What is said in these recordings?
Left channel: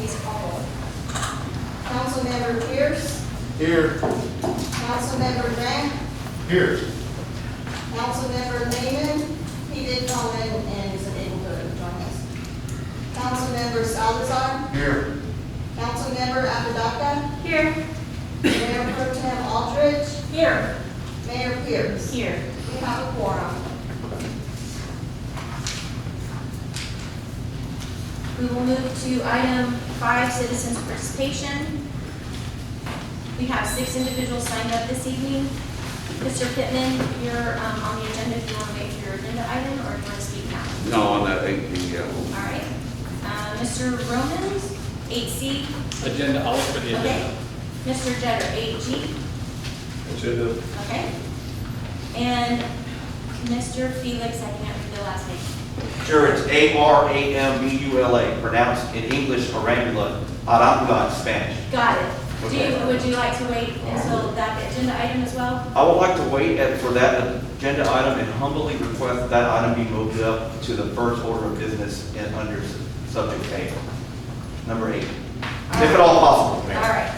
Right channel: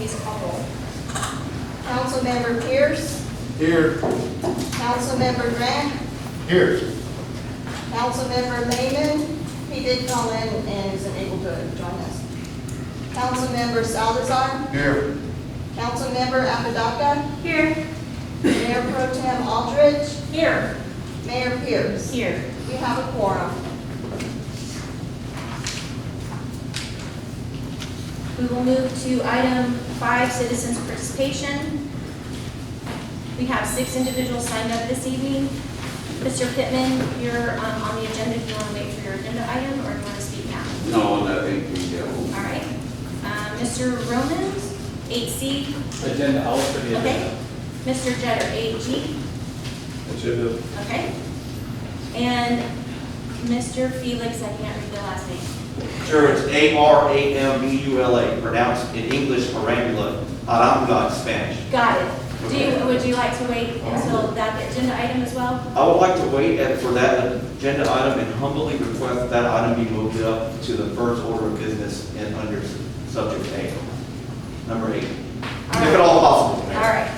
please call roll. Councilmember Pierce, Here. Councilmember Grant, Here. Councilmember Lehman, he did call in and is unable to join us. Councilmember Salazar, Here. Councilmember Apodaca, Here. Mayor Pro Tem Aldridge, Here. Mayor Pierce. Here. We have a quorum. We will move to item 5, citizens participation. We have 6 individuals signed up this evening. Mr. Pittman, you're on the agenda if you want to wait for your agenda item, or do you want to speak now? No, I think we, All right. Mr. Romans, 8C. Agenda, I'll look for the Okay. agenda. Mr. Jetter, 8G. Agenda. Okay. And Mr. Felix, I can't read the last name. Sure, it's Aramula, pronounced in English Arambula, Arambula in Spanish. Got it. Okay. Would you like to wait until that agenda item as well? I would like to wait for that agenda item and humbly request that item be moved up to the first order of business in under subject A, number 8, if at all possible. Mayor. All right.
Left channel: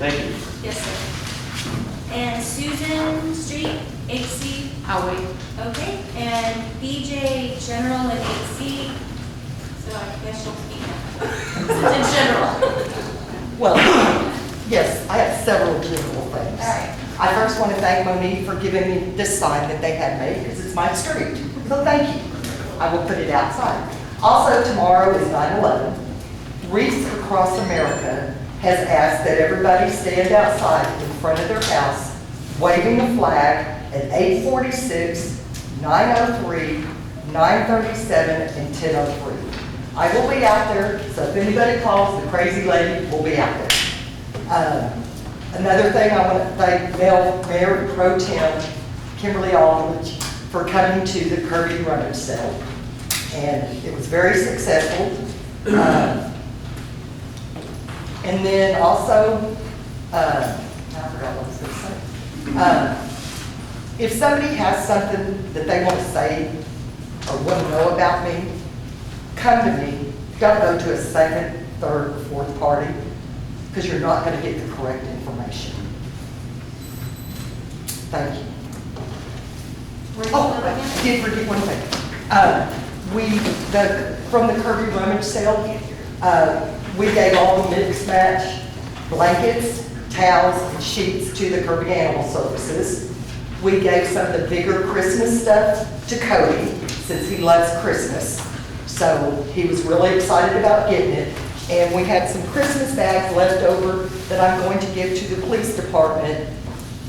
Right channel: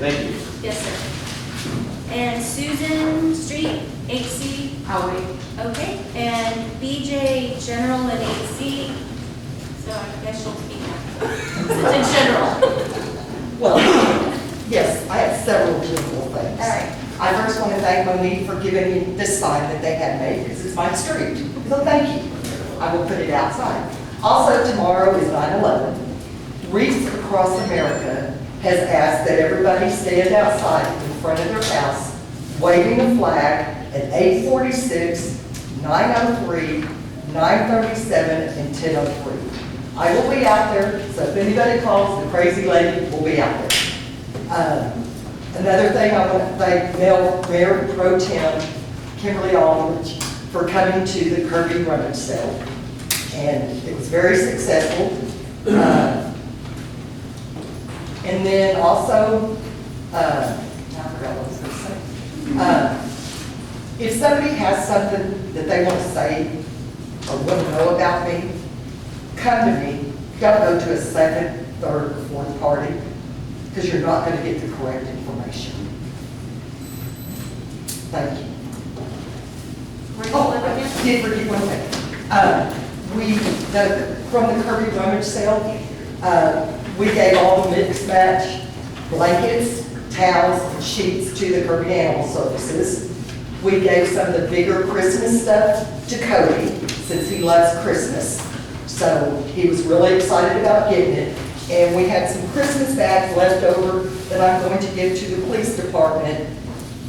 Thank you. Yes, sir. And Susan Street, 8C. I'll wait. Okay. And BJ General and 8C. So I guess you'll speak now. In general. Well, yes, I have several general things. All right. I first want to thank Monique for giving me this sign that they had made, because it's my street. So thank you. I will put it outside. Also, tomorrow is 9/11. Wreaths Across America has asked that everybody stand outside in front of their house, waving the flag at 8:46, 9:03, 9:37, and 10:03. I will be out there, so if anybody calls, the crazy lady will be out there. Another thing, I want to thank Mayor Pro Tem Kimberly Aldridge for coming to the Kirby rummage sale. And it was very successful. And then also, I forgot what I was going to say. If somebody has something that they want to say or want to know about me, come to me. Don't go to a second, third, or fourth party, because you're not going to get the correct information. Thank you. Where do you live again? I did forget one thing. From the Kirby rummage sale, we gave all the mix match blankets, towels, and sheets to the Kirby Animal Services. We gave some of the bigger Christmas stuff to Cody, since he loves Christmas. So he was really excited about getting it. And we had some Christmas bags left over that I'm going to give to the police department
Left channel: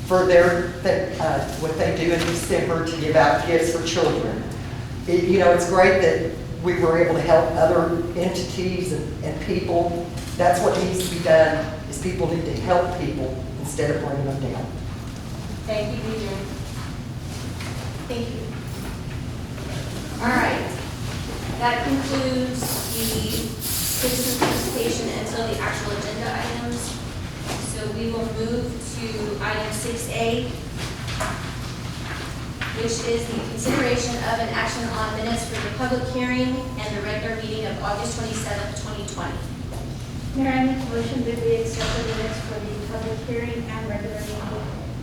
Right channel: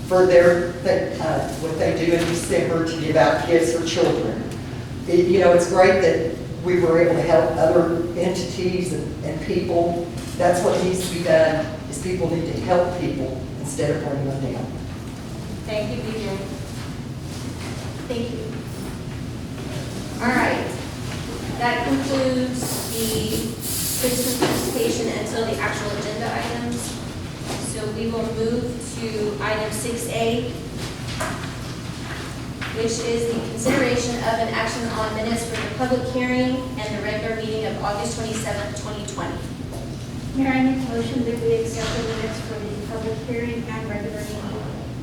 for what they do in December to give out gifts for children. It's great that we were able to help other entities and people. That's what needs to be done, is people need to help people instead of bringing them down. Thank you, BJ. Thank you. All right. That concludes the citizen participation until the actual agenda items. So we will move to item 6A, which is the consideration of an action on minutes for the public hearing and the regular meeting of August 27th, 2020. Mayor, I make a motion that we accept the minutes for the public hearing and regular meeting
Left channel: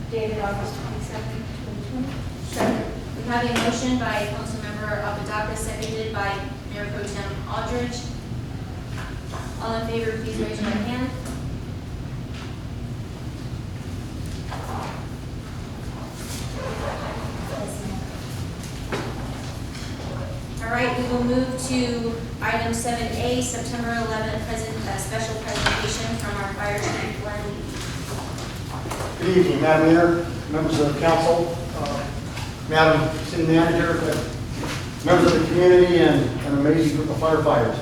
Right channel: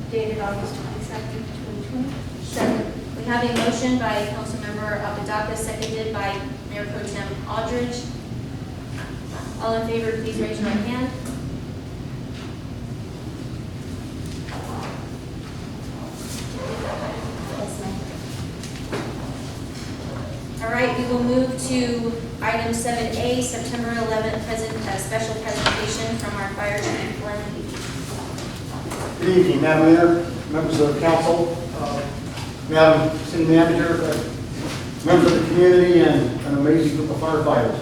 dated August 27th, 2020. Second. We have a motion by Councilmember Apodaca, seconded by Mayor Pro Tem Aldridge. All in favor, please raise your right hand. All right, we will move to item 7A, September 11th, special presentation from our fire chief, Glenn Lee. Good evening, Madam Mayor, members of the council, Madam City Manager, members of the community, and an amazing group of firefighters.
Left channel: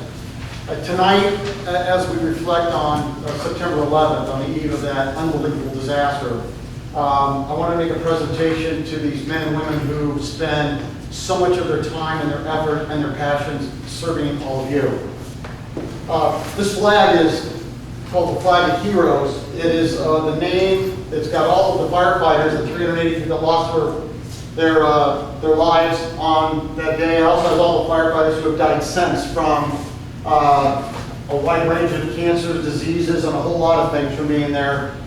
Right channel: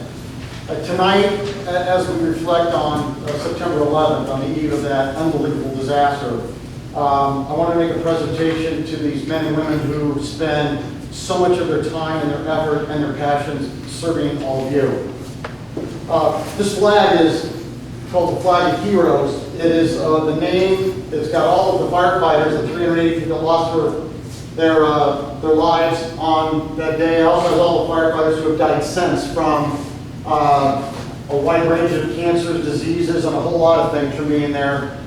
Tonight, as we reflect on September 11th, on the eve of that unbelievable disaster, I want to make a presentation to these men and women who spend so much of their time and their effort and their passions serving all of you. This flag is called the Flag of Heroes. It is the name, it's got all of the firefighters, the 380 that lost their lives on that day. It also has all the firefighters who have died since from a wide range of cancers, diseases, and a whole lot of things from being there.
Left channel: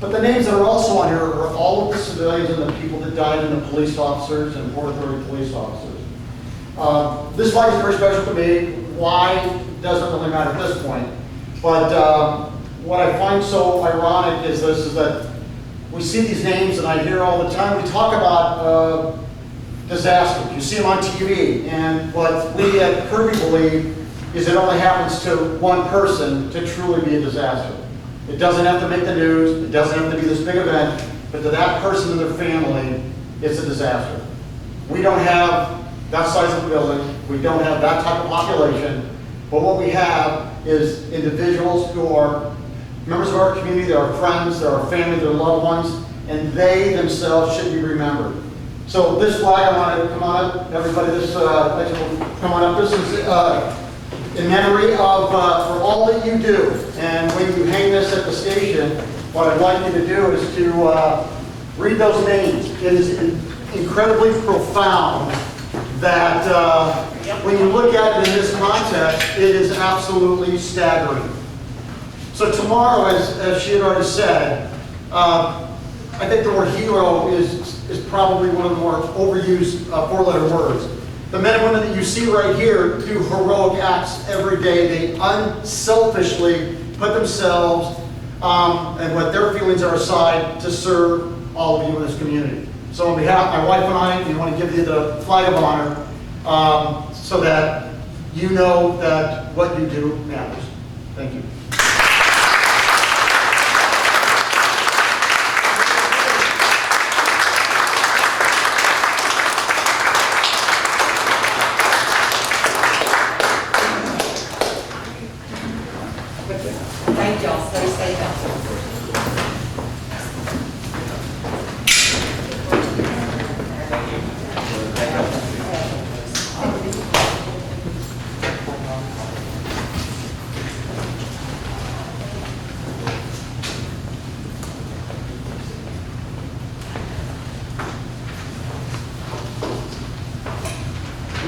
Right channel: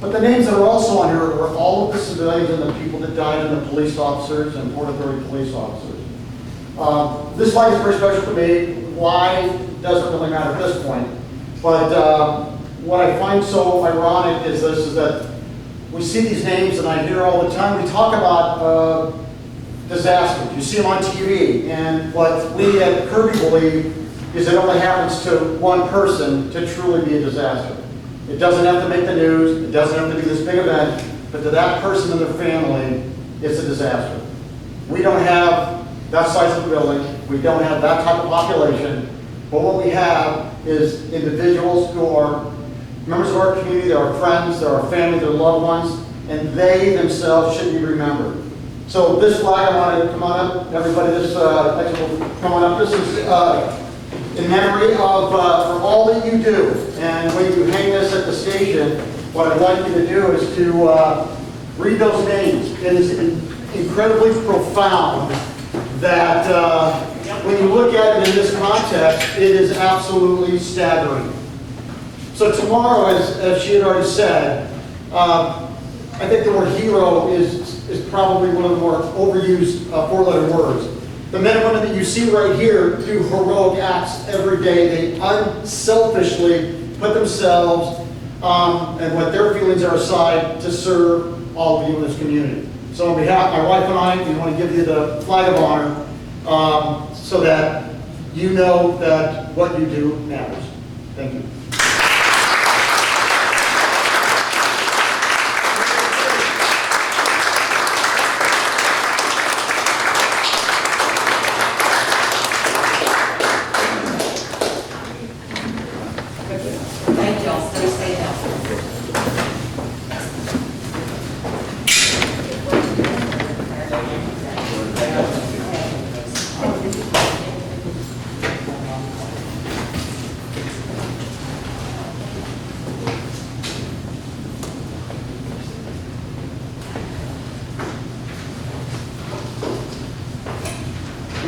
But the names that are also on here are all of the civilians and the people that died, and the police officers and Port Authority police officers. This flag is very special to me. Why doesn't really matter at this point. But what I find so ironic is this: is that we see these names, and I hear all the time. We talk about disasters. You see them on TV, and what we at Kirby believe is it only happens to one person to truly be a disaster. It doesn't have to make the news, it doesn't have to be this big event, but to that person and their family, it's a disaster. We don't have that size of a building, we don't have that type of population, but what we have is individuals who are members of our community, they're our friends, they're our family, they're loved ones, and they themselves should be remembered. So this flag, I want to come on up, everybody, this, thanks for coming up. This is in memory of for all that you do. And when you hang this at the station, what I'd like you to do is to read those names. It is incredibly profound that when you look at it in this context, it is absolutely staggering. So tomorrow, as she had already said, I think the word hero is probably one of the more overused four-letter words. The men and women that you see right here do heroic acts every day. They unselfishly put themselves and what their feelings are aside to serve all of you in this community. So on behalf of my wife and I, we want to give you the flag of honor so that you know that what you do matters. Thank you. Thank y'all, stay safe out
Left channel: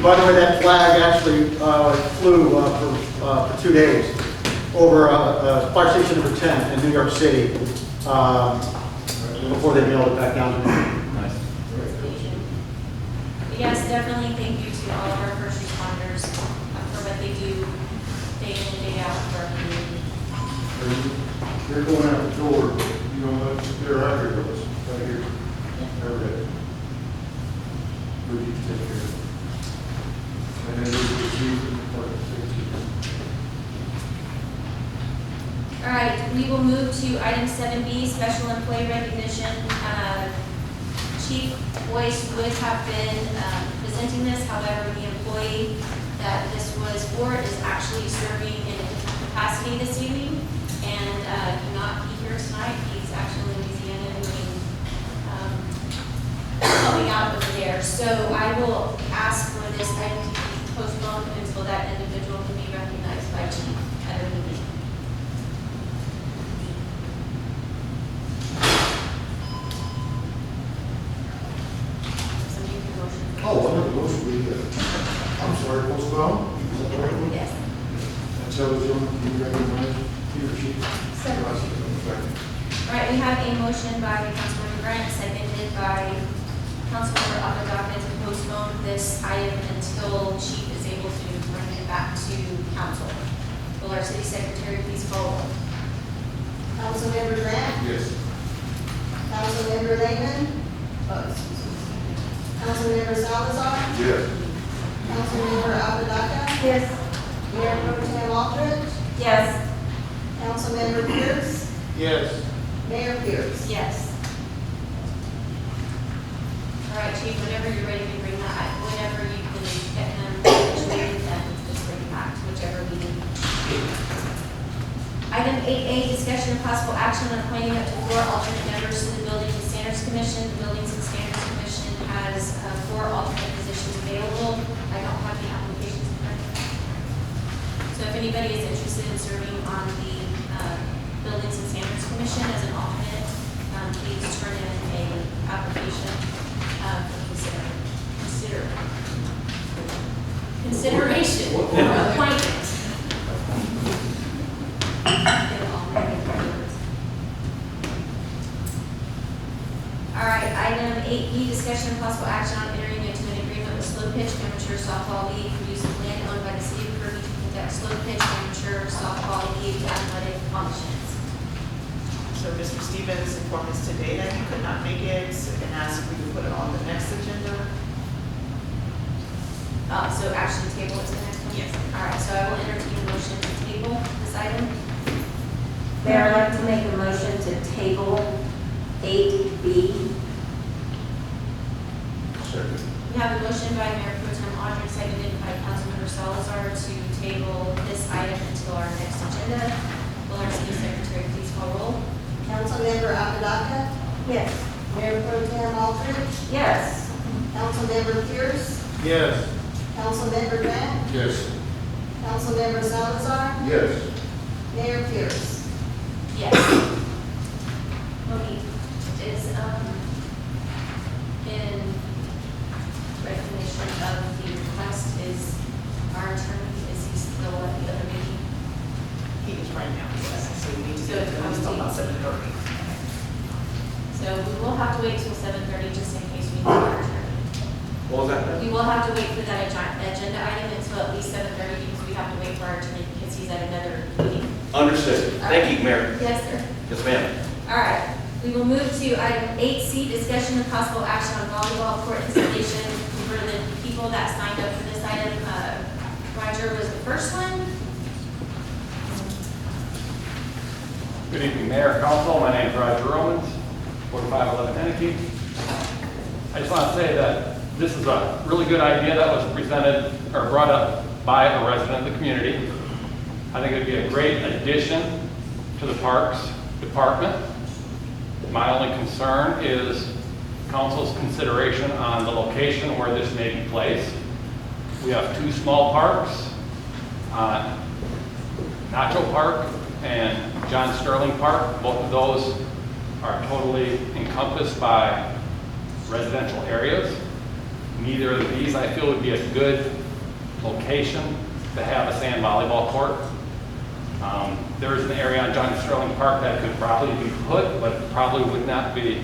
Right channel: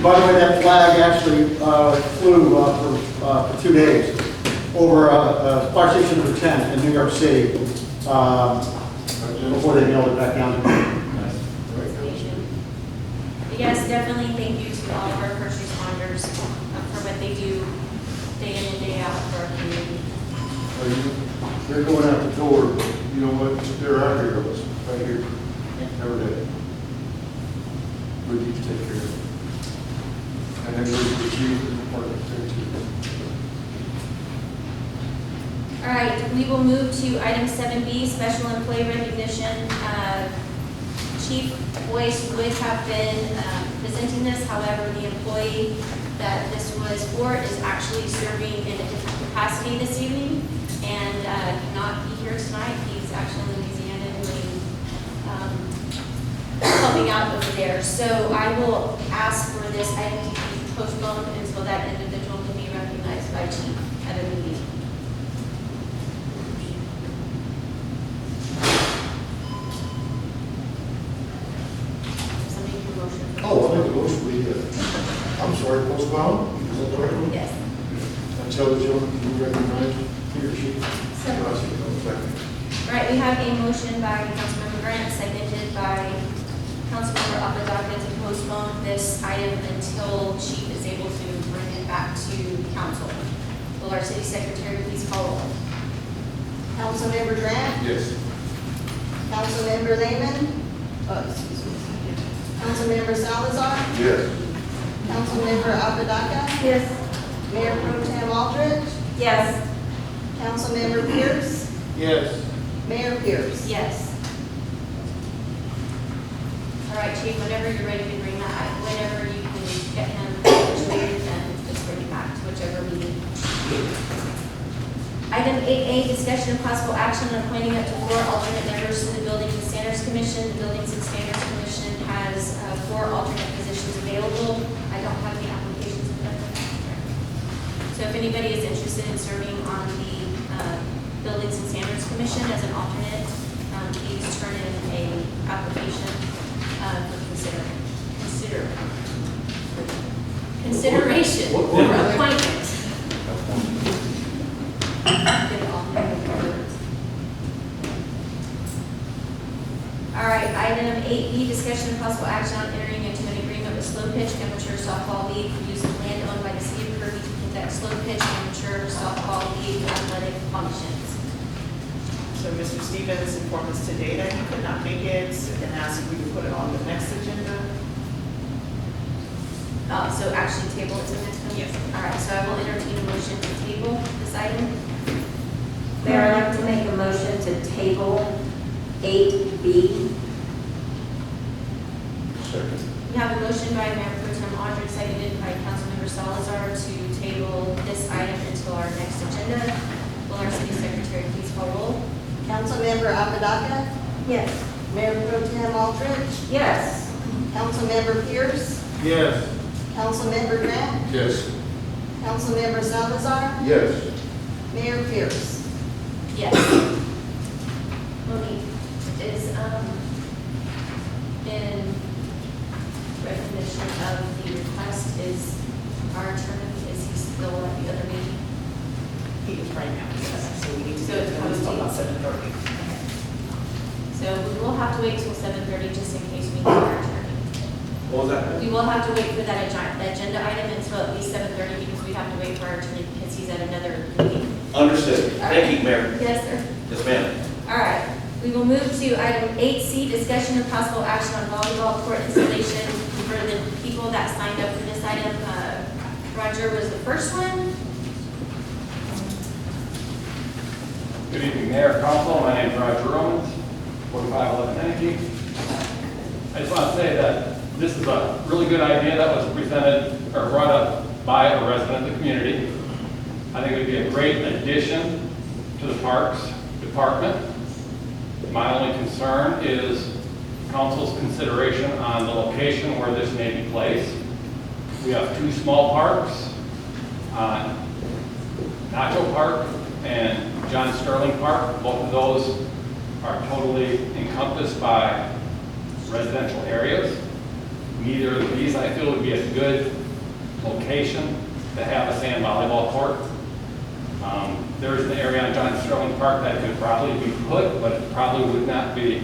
By the way, that flag actually flew for 2 days over fire station number 10 in New York City before they nailed it back down. Station. But yes, definitely thank you to all of our first responders for what they do day in and day out for our community. They're going out the door, you know what, they're out here with us, right here, every day. We need to take care of it. And then there's the chief and the department, thank you. All right, we will move to item 7B, special employee recognition. Chief Boyce would have been presenting this, however, the employee that this was for is actually serving in a different capacity this evening and cannot be here tonight. He's actually in Louisiana doing helping out over there. So I will ask for this item to be postponed until that individual can be recognized by Chief at a meeting. Somebody can motion. Oh, I have a motion, I'm sorry, postpone? Is that the right one? Yes. Tell the gentleman, can you recognize he or she? Second. All right, we have a motion by Councilmember Grant, seconded by Councilmember Apodaca to postpone this item until Chief is able to bring it back to council. Will our city secretary please call roll? Councilmember Grant? Yes. Councilmember Lehman? Councilmember Salazar? Yes. Councilmember Apodaca? Yes. Mayor Pro Tem Aldrich? Yes. Councilmember Pierce? Yes. Mayor Pierce? Yes. All right, Chief, whenever you're ready to bring that, whenever you can get him situated, then just bring it back to whichever meeting. Item 8A, discussion of possible action on appointing up to 4 alternate members to the Buildings and Standards Commission. The Buildings and Standards Commission has 4 alternate positions available. I don't have the applications in front of me. So if anybody is interested in serving on the Buildings and Standards Commission as an alternate, please turn in a application for consideration or appointment. discussion and possible action on entering into an agreement with Slow Pitch Amateur Softball League for use of land owned by the city of Kirby to conduct slow pitch amateur softball league athletic functions. So Mr. Stevens informed us today that he could not make it and asked if we could put it on the next agenda. So action table is the next one? Yes. All right, so I will entertain a motion to table this item. Mayor, I'd like to make a motion to table 8B. Second. We have a motion by Mayor Pro Tem Audrey, seconded by Councilmember Salazar to table this item until our next agenda. Will our city secretary please call roll? Councilmember Apodaca, Yes. Mayor Pro Tem Aldridge, Yes. Councilmember Pierce, Yes. Councilmember Grant, Yes. Councilmember Salazar, Yes. Mayor Pierce. Yes. Monique, is, in recognition of the request, is our attorney, is he still at the other meeting? He is right now, yes, so we need to So do it it's until about posted. 7:30. So we will have to wait till 7:30 just in case we need our attorney. What was that? We will have to wait for that agenda item until at least 7:30 because we have to wait for our attorney because he's at another meeting. Understood. Thank you, Mayor. Yes, sir. Yes, ma'am. All right, we will move to item 8C, discussion of possible action on volleyball court installation for the people that signed up for this item. Roger was the first one. Good evening, Mayor, Council. My name is Roger Romans, 4511 Henneke. I just want to say that this is a really good idea that was presented or brought up by a resident of the community. I think it would be a great addition to the Parks Department. My only concern is council's consideration on the location where this may be placed. We have two small parks, Nacho Park and John Sterling Park. Both of those are totally encompassed by residential areas. Neither of these, I feel, would be a good location to have a sand volleyball court. There's an area on John Sterling Park that could probably be put, but it probably would not be